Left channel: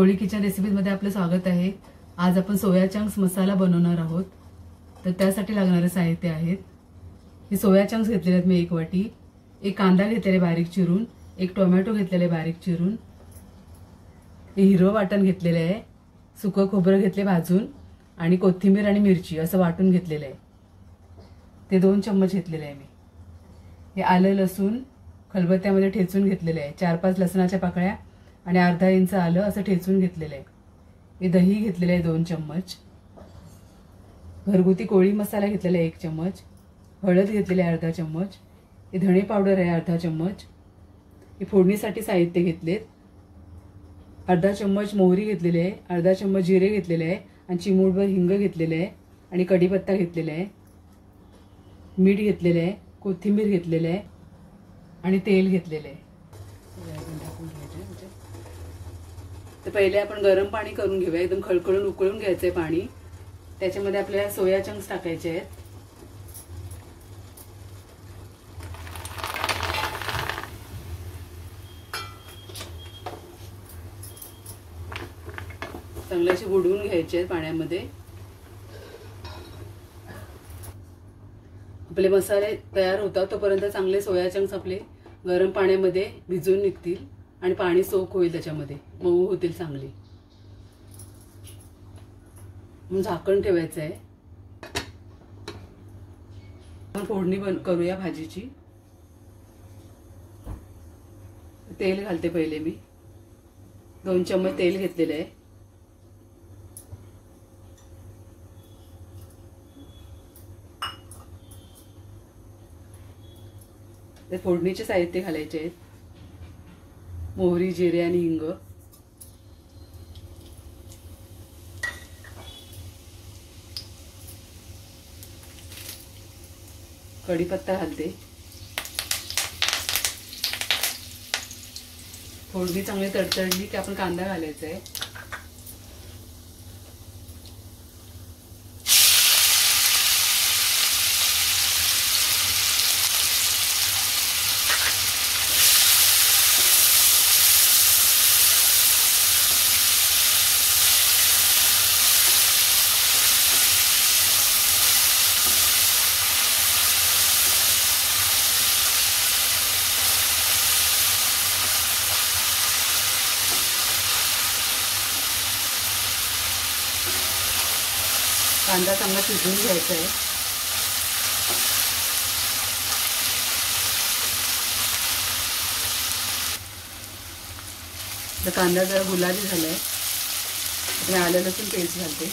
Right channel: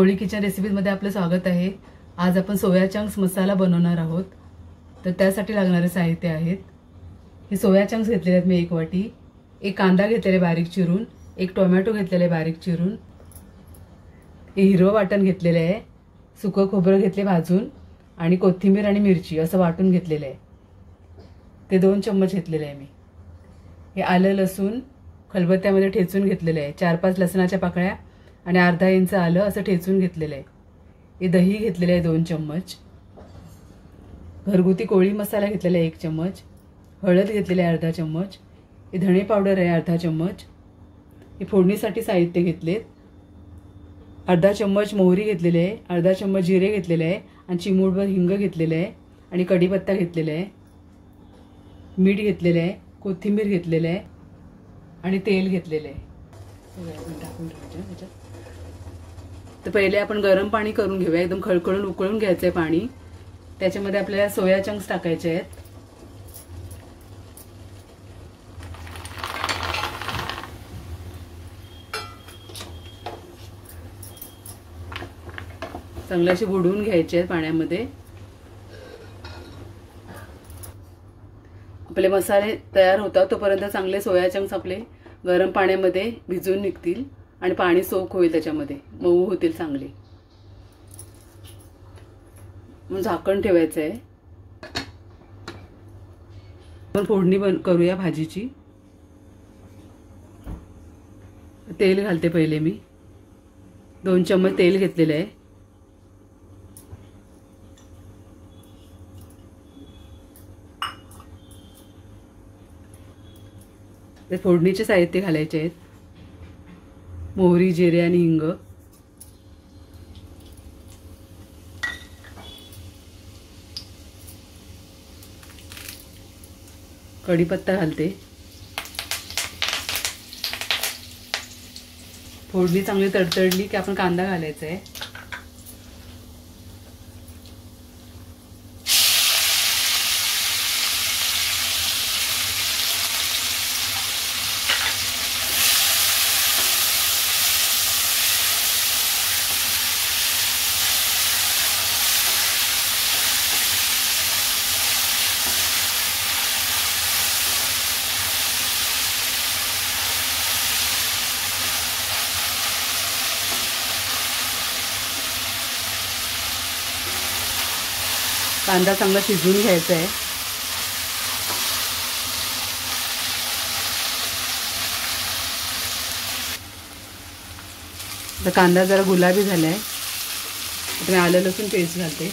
कोळी kitchen रेसिपीमध्ये आपलं स्वागत आहे। आज आपण सोया चंक्स मसाला बनवणार आहोत। तर त्यासाठी लागणारे साहित्य आहेत, हे सोया चंक्स घेतलेले आहेत मी 1 वाटी, एक कांदा घेतलेला बारीक चिरून, एक टोमॅटो घेतलेला बारीक चिरून, हे हिरवं वाटण घेतलेले आहे, सुकं खोबरं घेतले भाजून आणि कोथिंबीर आणि मिरची असं वाटून घेतलेलं आहे, ते 2 चम्मच घेतलेले आहे मी। हे आलं लसूण खलबत्त्यामध्ये ठेचून घेतलेले आहे, 4-5 लसणाच्या पाकळ्या आणि अर्धा इंच आलं असं ठेचून घेतलेलं आहे। हे दही घेतलेले आहे 2 चम्मच, घरगुती कोळी मसाला घेतलेला आहे 1 चम्मच, हळद घेतलेली आहे अर्धा चम्मच, हे धणे पावडर आहे अर्धा चम्मच, हे फोडणीसाठी साहित्य घेतले, अर्धा चम्मच मोहरी घेतलेली आहे, अर्धा चम्मच जिरे घेतलेले आहे आणि चिमूटभर हिंग घेतलेले आहे आणि कढीपत्ता घेतलेला आहे, मीठ घेतलेले आहे, कोथिंबीर घेतलेले आहे आणि तेल घेतलेले आहे। तर पहिले आपण गरम पाणी करून घेऊया, एकदम खळखळून उकळून घ्यायचंय पाणी। त्याच्यामध्ये आपल्याला सोया चंक्स टाकायचे आहेत। चांगले असे बुडवून घ्यायचे आहेत पाण्यामध्ये। आपले मसाले तयार होतात तोपर्यंत चांगले सोया चंक्स आपले गरम पाण्यामध्ये भिजून निघतील आणि पाणी सोक होईल, त्याच्यामध्ये मऊ होतील चांगले। मग झाकण ठेवायचं आहे। आपण फोडणी करूया भाजीची। तेल घालते पहिले मी, 2 चम्मच तेल घेतलेले आहे। ते फोडणीचे साहित्य घालायचे आहेत, मोहरी जिरे आणि हिंग, कढीपत्ता घालते। फोडणी चांगली तडतडली की आपण कांदा घालायचा आहे। कांदा चांगला शिजवून घ्यायचा आहे। आता कांदा जरा गुलाबी झालाय, आता मी आलं लसूण पेस्ट घालते।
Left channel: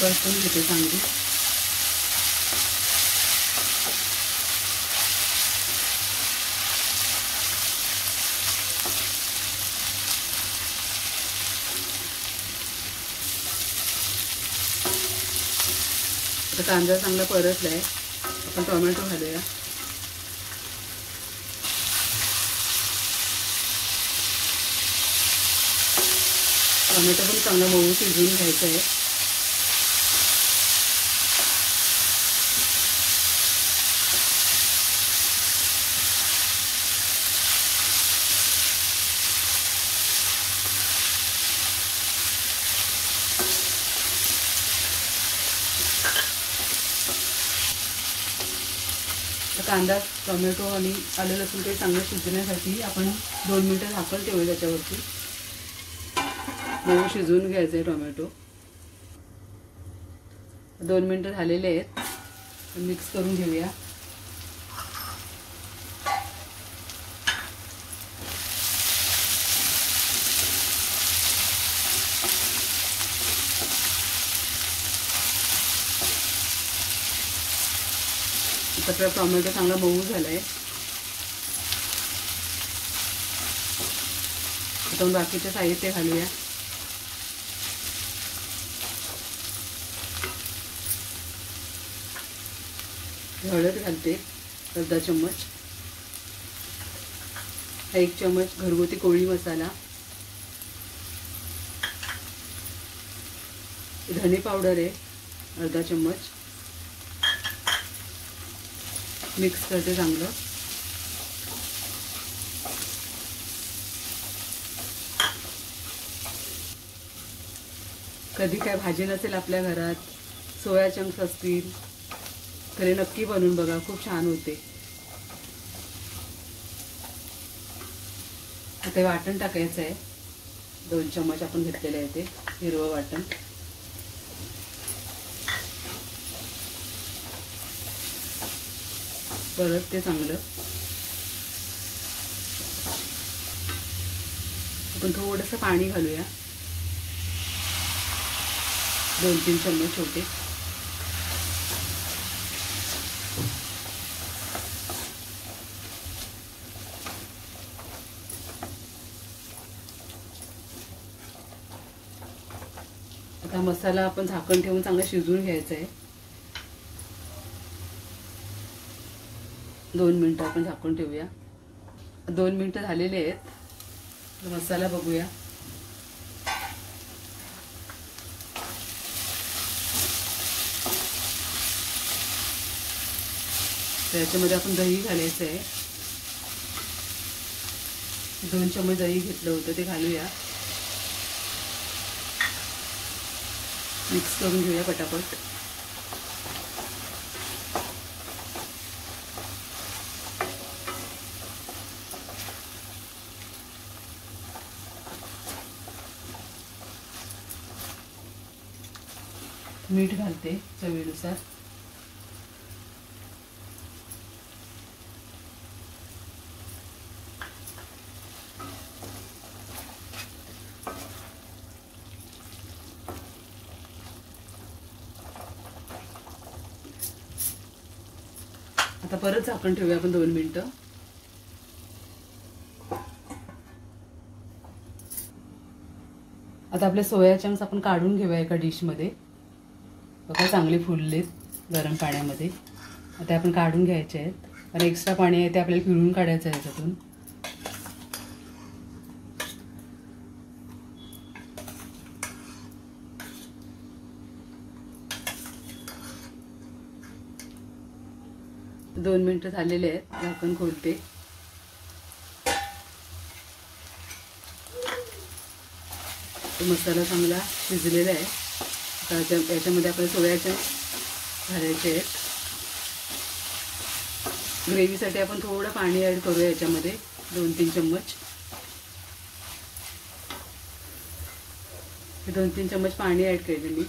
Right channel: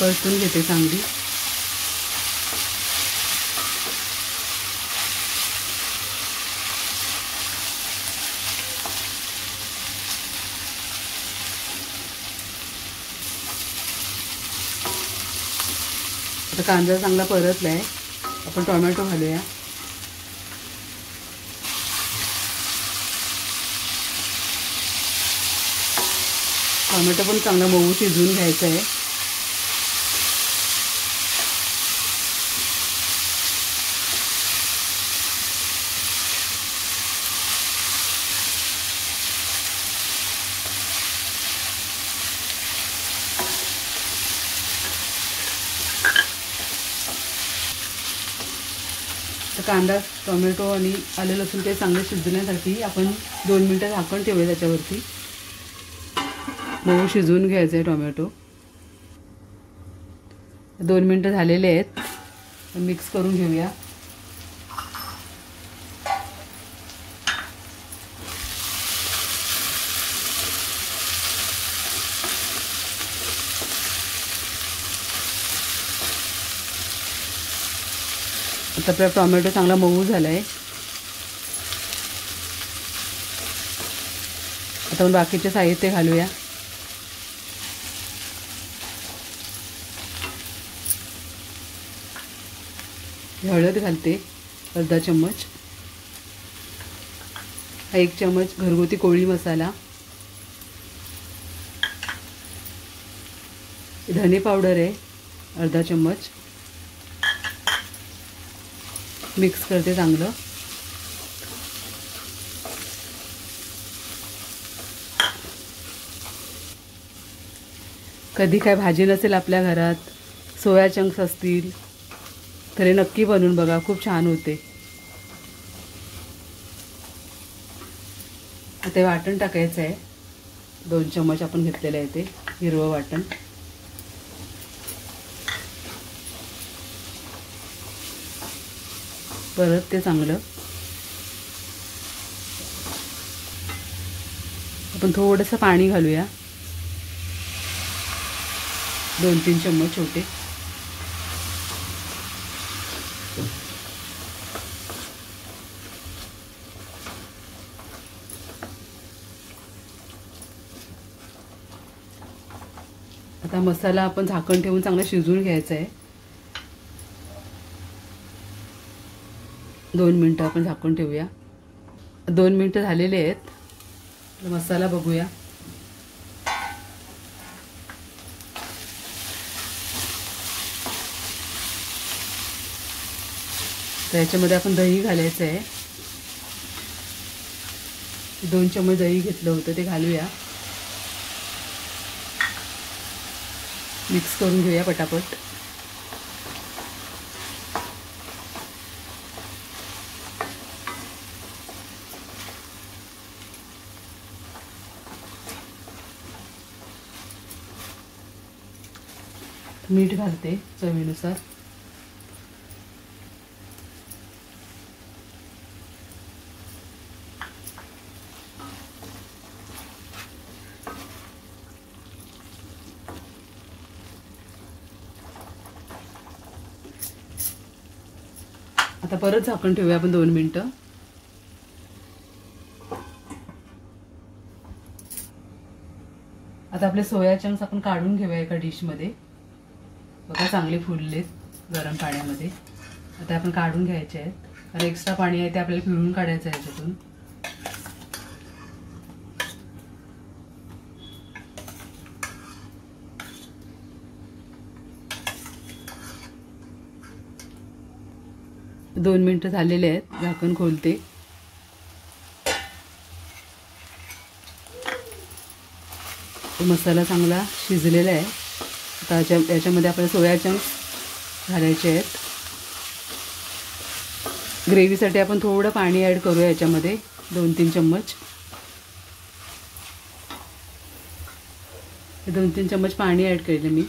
परतून घेते चांगली। आता कांदा चांगला परतलाय, आपण टोमॅटो घालूया। टोमॅटो पण चांगला मऊ शिजवून घ्यायचा आहे। कांदा टोमॅटो आणि आलं लसूण ते चांगले शिजवण्यासाठी आपण 2 मिनिटं झाकण ठेवूया त्याच्यावरती। मऊ शिजवून घ्यायचं आहे टोमॅटो। 2 मिनिटं झालेले आहेत, मिक्स करून घेऊया। आता आपला टोमॅटो चांगला मऊ झालाय। आता बाकीचे साहित्य घालूया। हळद घालते अर्धा चम्मच, 1 चम्मच घरगुती कोळी मसाला, धने पावडर आहे अर्धा चम्मच, मिक्स करते चांगलं. कधी काय भाजी नसेल आपल्या घरात, सोया चंक्स असतील तर हे नक्की बनवून बघा, खूप छान होते. आता वाटण टाकायचं आहे. 2 चम्मच आपण घेतलेलं आहे ते हिरवं वाटण. परत ते चांगलं आपण थोडंसं पाणी घालूया. 2-3 चम्मच छोटे. आता मसाला आपण झाकण ठेवून चांगला शिजवून घ्यायचा आहे. 2 मिनिटं आपण झाकून ठेवूया. 2 मिनिटं झालेले आहेत. मसाला बघूया. तर याच्यामध्ये आपण दही घालायचं आहे. 2 चम्मच दही घेतलं होतं ते घालूया. मिक्स करून घेऊया पटापट. मीठ घालते चवीनुसार. आता परत झाकण ठेवूया आपण 2 मिनिटं. आता आपले सोया चंक्स आपण काढून घेऊया एका डिश मध्ये. बघा चांगले फुललेत गरम पाण्यामध्ये. आता आपण काढून घ्यायचे आहेत आणि एक्स्ट्रा पाणी आहे ते आपल्याला पिळून काढायचं आहे याच्यातून. दोन मिनिटं झालेले आहेत. झाकण खोलते. मसाला चांगला शिजलेला आहे. आता याच्यामध्ये आपण सोया चंक्स घालायचे आहेत. ग्रेव्हीसाठी आपण थोडं पाणी ॲड करूया याच्यामध्ये. 2-3 चम्मच. 2-3 चम्मच पाणी ॲड केलं मी.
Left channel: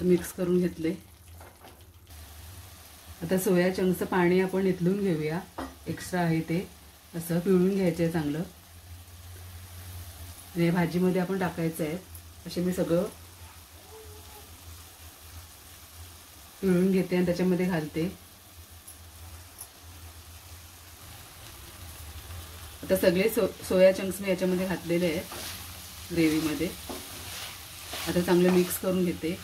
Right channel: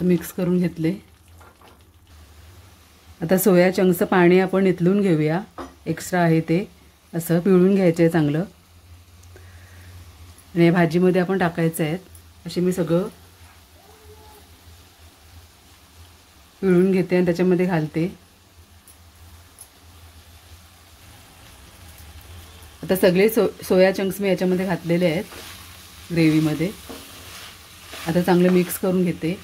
मिक्स करून घेतले. आता सोया चंक्सचं पाणी आपण इथलून घेऊया. एक्स्ट्रा आहे ते असं पिळून घ्यायचं आहे चांगलं. आणि या भाजीमध्ये आपण टाकायचं आहे. असे मी सगळं पिळून घेते आणि त्याच्यामध्ये घालते. आता सगळे सोया चंक्स मी याच्यामध्ये घातलेले आहेत ग्रेव्हीमध्ये. आता चांगलं मिक्स करून घेते.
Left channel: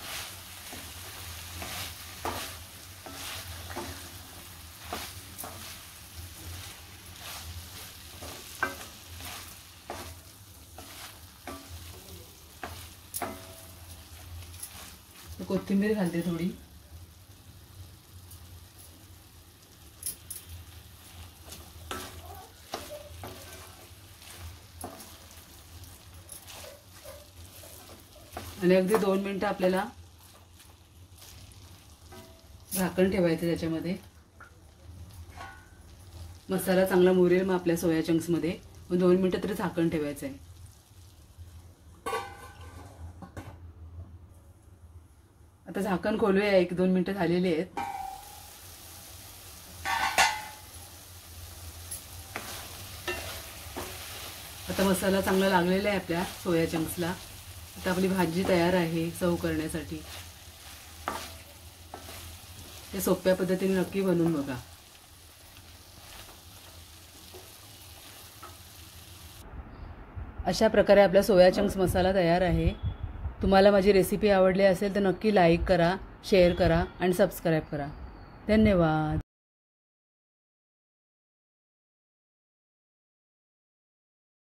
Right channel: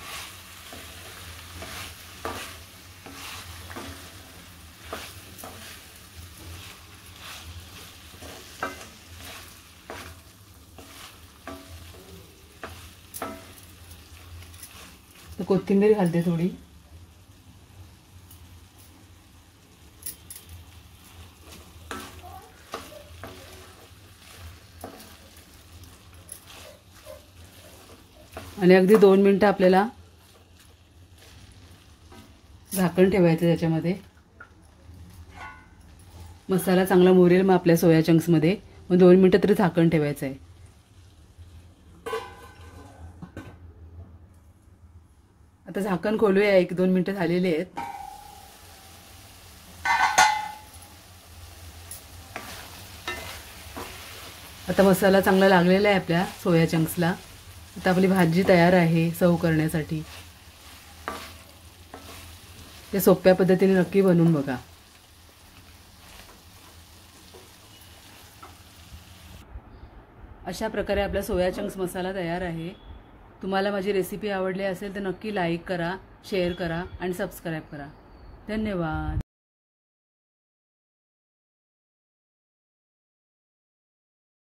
कोथिंबीर घालते थोडी. आणि अगदी 2 मिनिटं आपल्याला झाकण ठेवायचं त्याच्यामध्ये. मसाला चांगला मुरेल मग आपल्या सोया चंक्स मध्ये. मग 2 मिनिटं तरी झाकण ठेवायचं आहे. आता झाकण खोलूया. 1-2 मिनिटं झालेली आहेत. आता मसाला चांगला लागलेला आहे आपल्या सोया चंक्सला. आता आपली भाजी तयार आहे सर्व करण्यासाठी. ते सोप्या पद्धतीने नक्की बनवून बघा. अशा प्रकारे आपला सोया चंक्स मसाला तयार आहे. तुम्हाला माझी रेसिपी आवडली असेल तर नक्की लाईक करा, शेअर करा आणि सबस्क्राईब करा. धन्यवाद.